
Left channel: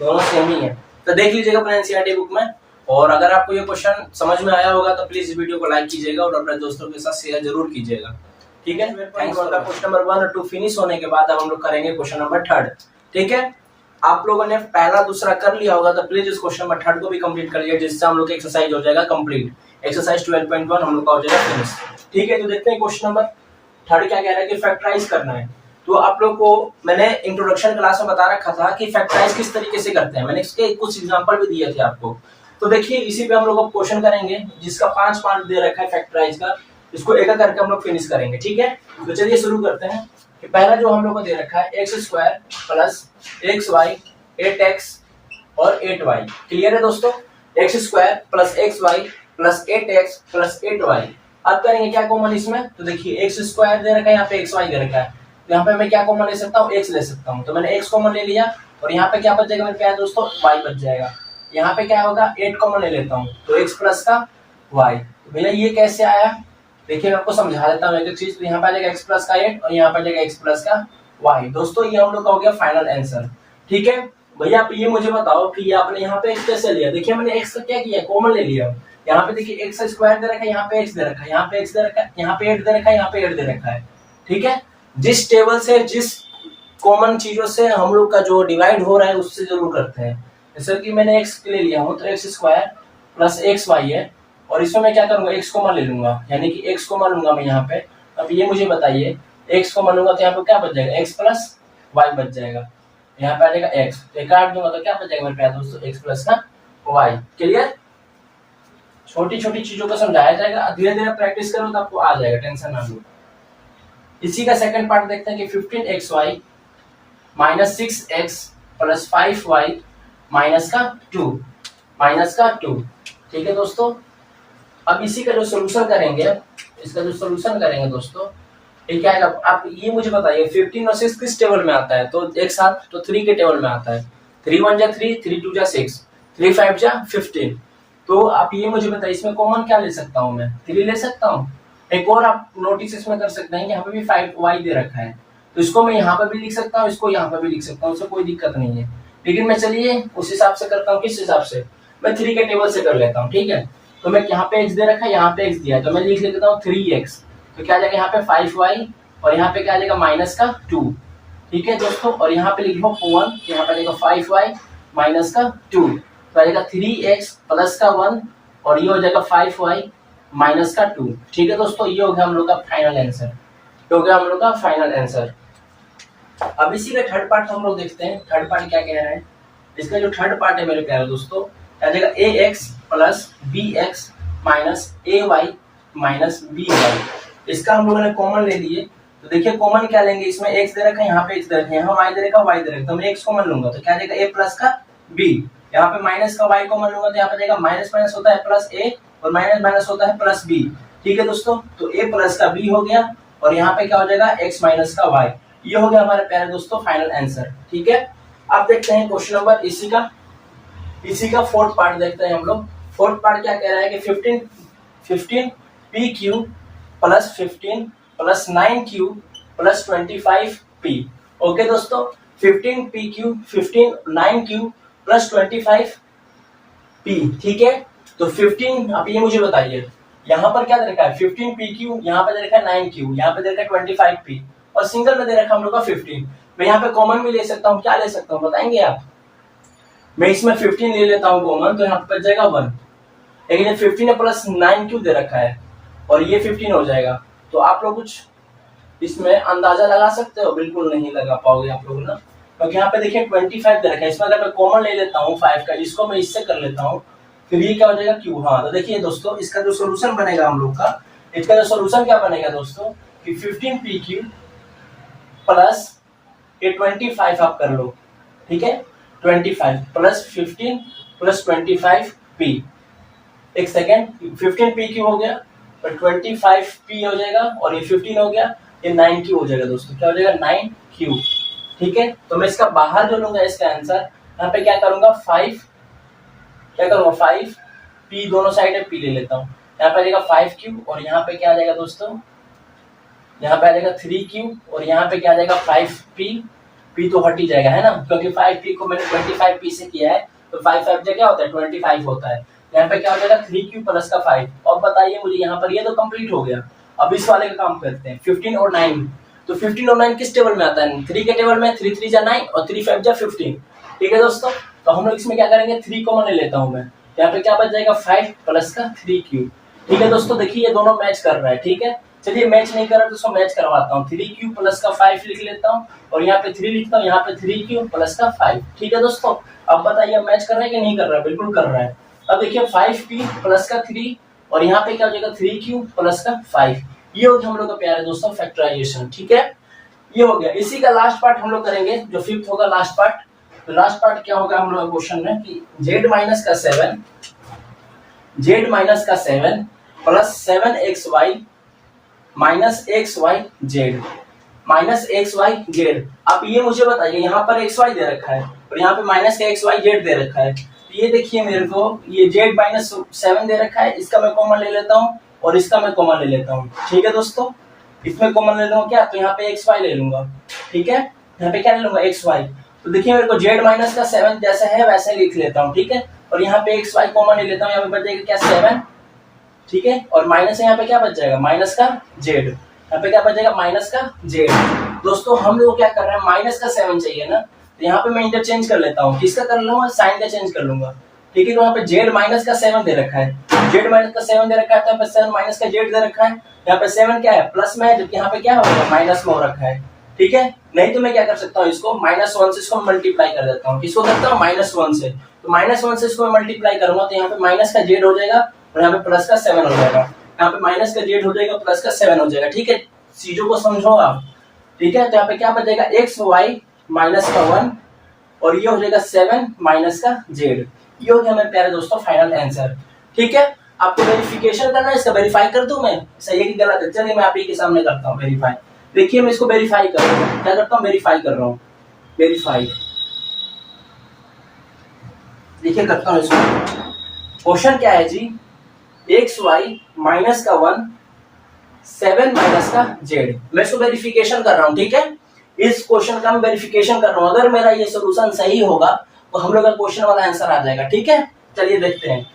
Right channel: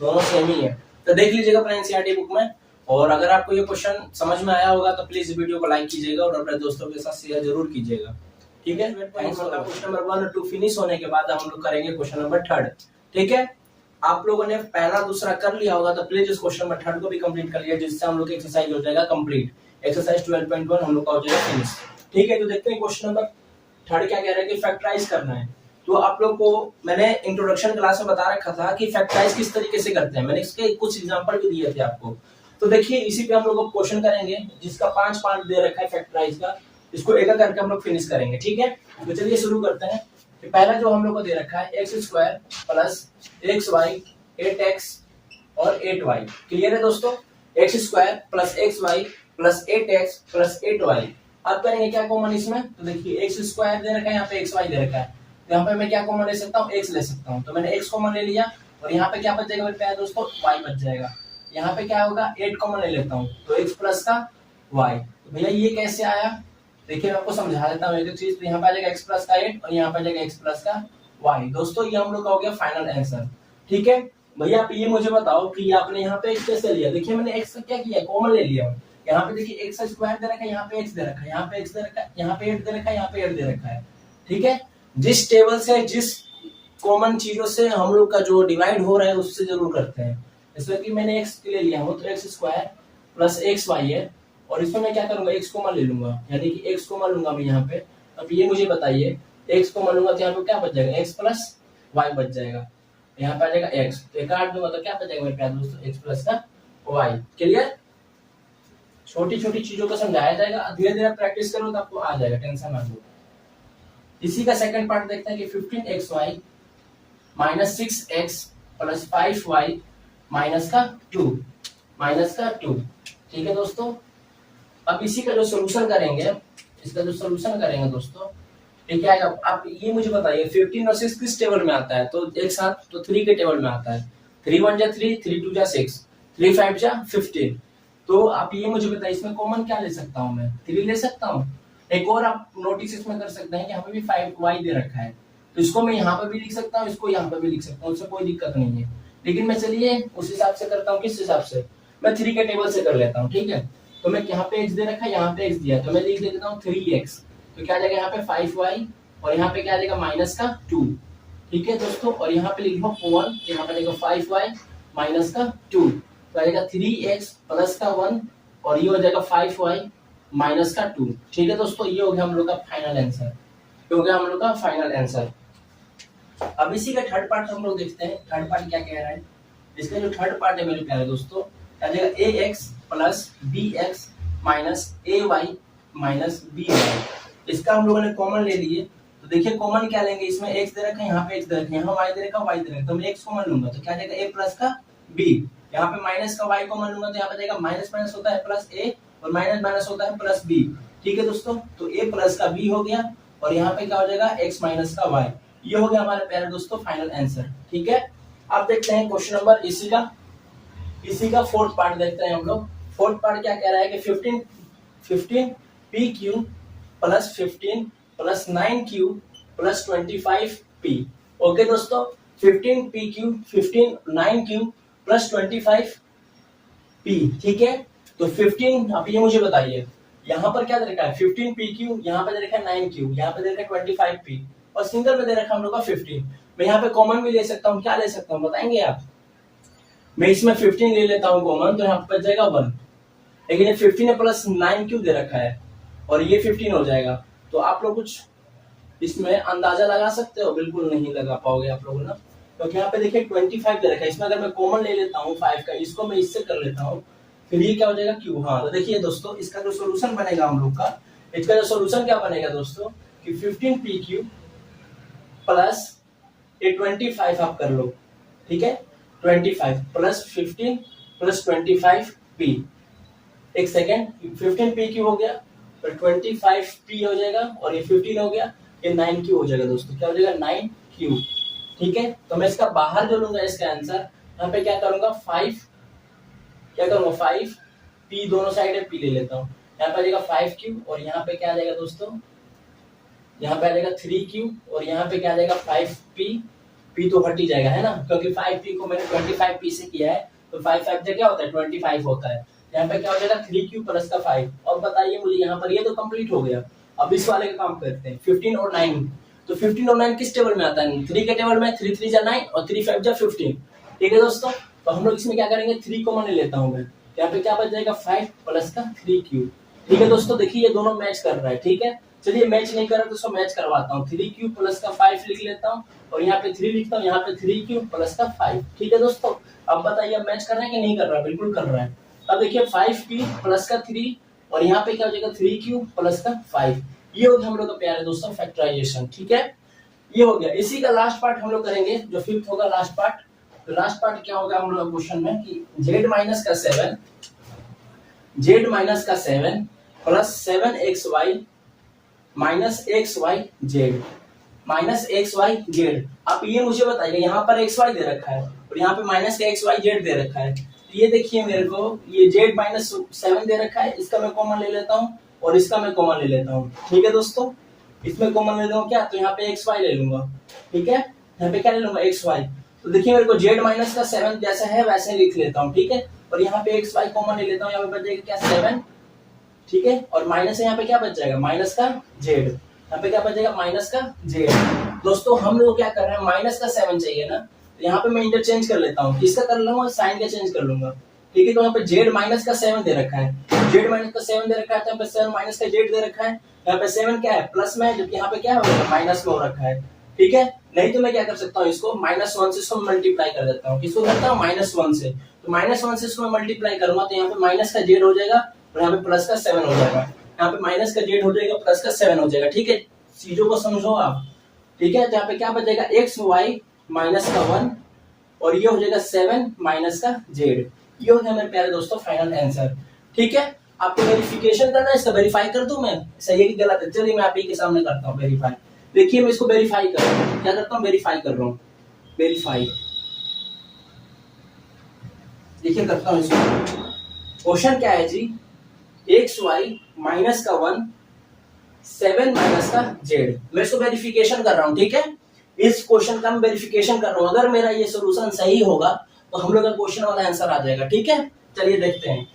दोनों सेम ही है। तो देख लीजिएगा अपने एनसीईआरटी बुक में। और अगर आपको ये क्वेश्चन समझ में आया होगा तो प्लीज वीडियो को लाइक कीजिएगा और अपने दोस्तों के साथ शेयर जरूर कीजिएगा। ठीक है, क्वेश्चन नंबर 1 और 2 फिनिश होने के बाद हम लोग करेंगे क्वेश्चन नंबर 3। ठीक है, आप लोगों ने पहला दूसरा कर लिया होगा तो प्लीज इस क्वेश्चन नंबर 3 को भी कंप्लीट कर लिया, जिससे हम लोग एक्सरसाइज हो जाएगा कंप्लीट। एक्सरसाइज 12.1 हम लोग का हो जाएगा फिनिश। ठीक है, तो देखते हैं क्वेश्चन नंबर 3 क्या कह रहा है कि फैक्टराइज करना है। तो आप लोग को मैंने इंट्रोडक्शन क्लास में बता रखा था कि फैक्टराइज किस तरीके से करते हैं, मैंने इसके कुछ एग्जांपल भी दिए थे आपको। तो देखिए इसी पे हम लोग अब क्वेश्चन करेंगे, जिसका 5 पार्ट दे रखा है फैक्टराइज का। इसको एक एक करके हम लोग फिनिश करेंगे। ठीक है, तो चलिए शुरू करते हैं। कि पहला जो हम लोग को दे रखा है x square plus x y 8x और 8y। क्लियर है दोस्तों, x square plus x y plus 8x plus 8y। अब करेंगे क्या कॉमन इसमें, तो देखिए एक्स स्क्वायर दे रखा है, यहाँ पे एक्स वाई दे रखा है, तो यहाँ पे मैं क्या कॉमन ले सकता हूँ, एक्स ले सकता हूँ। तो मैंने एक्स कॉमन ले लिया और यहाँ पे क्या बच जाएगा मेरे प्यारे दोस्तों, वाई बच जाएगा। यहाँ पे क्या होगा, 8 कॉमन ले लेता हूँ तो एक्स प्लस का वाई। तो भैया ये कैसे आया, देखिए मैं आपको समझा देता हूँ एक एक चीज। तो यहाँ पे आ जाएगा एक्स प्लस का 8 और यहाँ पे आ जाएगा एक्स प्लस का वाई। दोस्तों ये हम लोग का हो गया फाइनल आंसर। ठीक है भैया, आप ये मुझे बताओ कि आपने यहाँ पे एक्स कैसे लिया। देखिए मैंने एक्स का क्या किया, कॉमन ले लिया। यहाँ पे देखिए एक्स स्क्वायर दे रखा है, यहाँ पे एक्स दे रखा है, यहाँ पे एक्स दे रखा है, यहाँ पे 8 दे रखा है, यहाँ पे 8 दे रखा है। ठीक है, जिस टेबल से जिस कॉमन चीजों से हम लोग का जो डिवाइड हो रहा है उससे जरूर करते हैं। जैसे कि मैंने एक्स ले लिया हूँ तो x square plus x y है, और इसमें मैं क्या करूंगा, एक्स कॉमन ले लूंगा, यानी कि एक्स कॉमन लूंगा मैं यहाँ पे। अब ये मुझे बताइए, एक्स कॉमन लूंगा तो यहाँ पे क्या बच जाएगा, एक्स प्लस वाई बच जाएगा। यहाँ पे आ जाएगा एक्स, तो काट दूंगा तो क्या बच जाएगा मेरे प्यारे दोस्तों, एक्स प्लस का वाई। क्लियर, छोटी छोटी चीजों को समझाया जाएगा, धीरे धीरे प्रैक्टिस करो तो आपको आ जाएगा, टेंशन ना लो। इसी का सेकंड पार्ट देखते हैं कि 15xy minus 6x plus 5y minus का 2। ठीक है दोस्तों, अब इसी का जो सोल्यूशन करेंगे, इसका जो सोल्यूशन करेंगे दोस्तों, ये क्या आएगा, आप ये मुझे बताइए 15 और 6 किस टेबल में आता है, तो एक साथ तो 3 के टेबल में आता है। 3 1 जा 3, 3 2 जा 6, 3 5 जा 15। तो आप ये मुझे बताइए इसमें कॉमन क्या ले सकता हूँ मैं, 3 ले सकता हूँ। एक और आप नोटिस इसमें कर सकते हैं कि यहाँ पे भी 5y दे रखा है, तो इसको मैं यहाँ पे भी लिख सकता हूँ, इसको यहाँ पे भी लिख सकता हूँ, उससे कोई दिक्कत नहीं है। लेकिन मैं चलिए उस हिसाब से करता हूँ, किस हिसाब से, मैं 3 के टेबल से कर लेता हूँ। ठीक है, तो मैं यहाँ पे x दे रखा है, यहाँ पे x दिया है, तो मैं लिख लेता हूँ 3x। तो क्या आ जाएगा यहाँ पे 5y और यहाँ पे क्या आ जाएगा माइनस का 2। ठीक है दोस्तों, और यहाँ पे लिख लो 1, यहाँ पे आ जाएगा 5y माइनस का 2, तो आ जाएगा 3x प्लस का 1 और ये हो जाएगा 5y माइनस का 2। ठीक है दोस्तों, ये हो गया हम लोग का फाइनल आंसर, ये हो गया हम लोग का फाइनल आंसर। अब इसी का थर्ड पार्ट हम लोग देखते हैं, थर्ड पार्ट क्या कह रहा है। इसका जो थर्ड पार्ट है मेरे प्यारे दोस्तों, क्या जाएगा ax plus bx minus ay minus by। इसका हम लोगों ने कॉमन ले लिए, तो देखिए कॉमन क्या लेंगे, इसमें x दे रखा है, यहाँ पे x दे रखा है, यहाँ y दे रखा है, y दे रखा है, तो मैं x कॉमन लूंगा तो क्या जाएगा a प्लस का b। यहाँ पे माइनस का y कॉमन लूंगा तो यहाँ पे जाएगा माइनस माइनस होता है प्लस a और माइनस माइनस होता है प्लस b। ठीक है दोस्तों, तो a प्लस का b हो गया और यहाँ पे क्या हो जाएगा x माइनस का y। ये हो गया हमारे प्यारे दोस्तों फाइनल आंसर। ठीक है, अब देखते हैं क्वेश्चन नंबर इसी का फोर्थ पार्ट देखते हैं हम लोग। फोर्थ पार्ट क्या कह रहा है कि 15 pq plus 15 plus 9q plus 25p। Okay दोस्तों, 15 pq 15 9q प्लस 25p। ठीक है, तो 15, अब ये मुझे बताइए यहाँ पर क्या दे रखा है, 15 pq, यहाँ पे दे रखा है 9q, यहाँ पे दे रखा है 25p और सिंगल में दे रखा है हम लोग का 15। मैं यहाँ पे कॉमन भी ले सकता हूँ, क्या ले सकता हूँ बताएंगे आप। मैं इसमें 15 ले लेता हूँ कॉमन, तो यहाँ पे बच जाएगा 1। लेकिन 15 प्लस 9q दे रखा है और ये 15 हो जाएगा, तो आप लोग कुछ इसमें अंदाजा लगा सकते हो, बिल्कुल नहीं लगा पाओगे आप लोग ना, क्योंकि यहाँ पे देखिए 25 दे रखा है। इसमें अगर मैं कॉमन ले लेता हूँ 5 का, इसको मैं इससे कर लेता हूँ, फिर ये क्या हो जाएगा q। हाँ, तो देखिए दोस्तों इसका जो सोल्यूशन बनेगा हम लोग का, इसका जो सोल्यूशन क्या बनेगा दोस्तों कि 15 pq प्लस ये 25 आप कर लो। ठीक है, 25 प्लस 15 प्लस 25p। एक सेकेंड, 15 pq हो गया और 25p हो जाएगा और ये 15 हो गया, ये 9q हो जाएगा दोस्तों। क्या हो जाएगा 9q। ठीक है, तो मैं इसका बाहर जो लूंगा इसका आंसर, यहाँ पे क्या करूंगा 5, क्या करूंगा 5p, दोनों साइड में p ले लेता हूँ। यहाँ पे आ जाएगा 5q और यहाँ पे क्या आ जाएगा दोस्तों, यहाँ पे आ जाएगा 3q और यहाँ पे क्या आ जाएगा 5p। p तो हट ही जाएगा है ना, क्योंकि 5p को मैंने 25p से किया है, तो 5 5 क्या होता है 25 होता है। यहाँ पे क्या हो जाएगा 3q प्लस का 5। अब बताइए मुझे, यहाँ पर ये तो कंप्लीट हो गया। अब इस वाले का काम करते हैं 15 और 9। तो 15 और 9 किस टेबल में आता है, 3 के टेबल में। 3 3 जा 9 और 3 5 जा 15। ठीक है दोस्तों, तो हम लोग इसमें क्या करेंगे 3 कॉमन ले लेता हूँ मैं। यहाँ पे क्या बच जाएगा 5 प्लस का 3q। ठीक है दोस्तों, देखिए ये दोनों मैच कर रहा है। ठीक है, चलिए मैच नहीं कर रहा तो इसको मैच करवाता हूँ। 3q प्लस का 5 लिख लेता हूँ और यहाँ पे 3 लिखता हूँ, यहाँ पे 3q प्लस का 5। ठीक है दोस्तों, अब बताइए मैच कर रहा है कि नहीं कर रहा है, बिल्कुल कर रहा है। अब देखिए 5p प्लस का 3 और यहाँ पे क्या हो जाएगा 3q प्लस का 5। ये हो गया हम लोग का प्यारे दोस्तों फैक्टराइजेशन। ठीक है, ये हो गया। इसी का लास्ट पार्ट हम लोग करेंगे, जो 5th होगा लास्ट पार्ट। तो लास्ट पार्ट क्या होगा हम लोग क्वेश्चन में कि z माइनस का 7 प्लस 7xy माइनस xyz। आप ये मुझे बताइए, यहाँ पर xy दे रखा है और यहाँ पे माइनस का xyz दे रखा है। तो ये देखिए मेरे को ये z माइनस 7 दे रखा है, इसका मैं कॉमन ले लेता हूँ और इसका मैं कॉमन ले लेता हूँ। ठीक है दोस्तों, इसमें कॉमन ले लेता हूँ क्या, तो यहाँ पे xy ले लूंगा। ठीक है, यहाँ पे क्या ले लूंगा xy। तो देखिए मेरे को z माइनस का 7 जैसा है वैसे लिख लेता हूँ। ठीक है, और यहाँ पे xy कॉमन ले लेता हूँ, यहाँ पे बच जाएगा क्या 7। ठीक है, और माइनस यहाँ पे क्या बच जाएगा माइनस का z। यहाँ पे क्या बच जाएगा माइनस का z। दोस्तों हम लोग क्या कर रहे हैं, माइनस का 7 चाहिए ना, तो यहाँ पे मैं इंटरचेंज कर लेता हूँ। किसका कर लूंगा, साइन का चेंज कर लूंगा। ठीक है, तो यहाँ पे z माइनस का 7 दे रखा है, z माइनस का 7 दे रखा है, तो यहाँ पे 7 माइनस का z दे रखा है। यहाँ पे 7 क्या है प्लस में है, जबकि यहाँ पे क्या हो गया माइनस में हो रखा है। ठीक है, नहीं तो मैं क्या कर सकता हूँ, इसको -1 से इसको मल्टीप्लाई कर देता हूँ। किसको करता हूँ -1 से, तो -1 से इसको मल्टीप्लाई करूंगा तो यहाँ पे माइनस का z हो जाएगा और यहाँ पे प्लस का 7 हो जाएगा। यहाँ पे माइनस का z हो जाएगा, प्लस का 7 हो जाएगा। ठीक है, चीजों को समझो आप। ठीक है, तो यहाँ पे क्या बचेगा xy माइनस का 1 और ये हो जाएगा 7 माइनस का z। ये हो गया मेरे प्यारे दोस्तों फाइनल आंसर। ठीक है, आपको वेरिफिकेशन करना है, इसका वेरीफाई कर दूं मैं, सही है कि गलत है। चलिए मैं आप ही के सामने करता हूँ वेरीफाई। देखिए मैं इसको वेरीफाई कर रहा हूँ, क्या करता हूँ वेरीफाई कर रहा हूँ, वेरीफाई। देखिए करता हूँ इसको। क्वेश्चन क्या है जी, xy माइनस का 1 7 माइनस का z। मैं इसको वेरिफिकेशन कर रहा हूँ। ठीक है, इस क्वेश्चन का मैं वेरिफिकेशन कर रहा हूँ। अगर मेरा ये सोल्यूशन सही होगा तो हम लोग का क्वेश्चन वाला आंसर आ जाएगा। ठीक है, चलिए देखते हैं।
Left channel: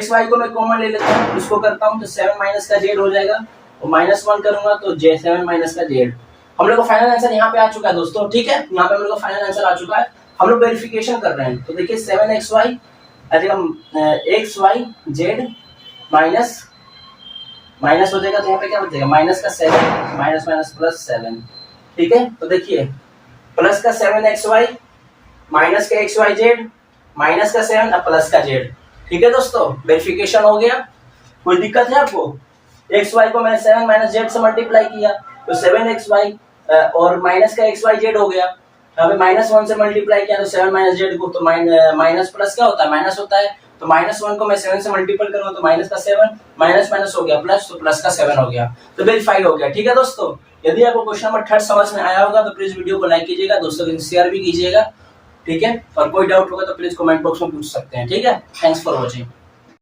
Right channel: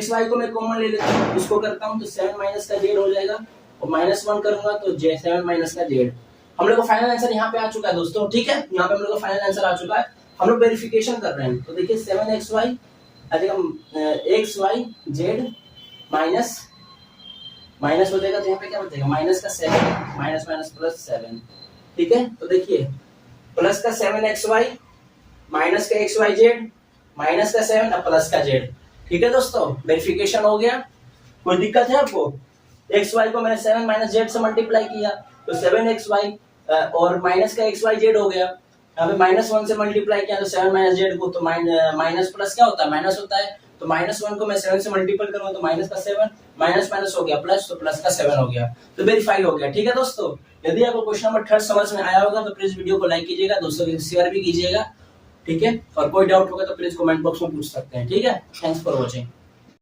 xy को मैं कॉमन ले लेता हूँ, इसको करता हूँ तो 7 माइनस का z हो जाएगा और -1 करूंगा तो 7 माइनस का z। हम लोग का फाइनल आंसर यहाँ पे आ चुका है दोस्तों। ठीक है, यहाँ पे हम लोग का फाइनल आंसर आ चुका है। हम लोग वेरिफिकेशन कर रहे हैं, तो देखिए 7xy आ जाएगा xyz माइनस हो जाएगा, तो यहाँ पे क्या बचेगा माइनस का 7 माइनस माइनस प्लस 7। ठीक है, तो देखिए प्लस का 7xy माइनस का xyz माइनस का 7 और प्लस का z। ठीक है दोस्तों, वेरिफिकेशन हो गया। कोई दिक्कत है आपको, xy को मैंने 7 माइनस z से मल्टीप्लाई किया तो 7xy और माइनस का xyz हो गया। यहाँ पे -1 से मल्टीप्लाई किया तो 7 माइनस z को, तो माइनस प्लस क्या होता है माइनस होता है, तो -1 को मैं 7 से मल्टीपल करूंगा तो माइनस का 7 माइनस माइनस हो गया प्लस, तो प्लस का 7 हो गया, तो वेरीफाई हो गया। ठीक है दोस्तों, यदि आपको क्वेश्चन नंबर 3 समझ में आया होगा तो प्लीज वीडियो को लाइक कीजिएगा, दोस्तों के साथ शेयर भी कीजिएगा। ठीक है, और कोई डाउट होगा तो प्लीज कमेंट बॉक्स में पूछ सकते हैं। ठीक है, थैंक्स फॉर वॉचिंग।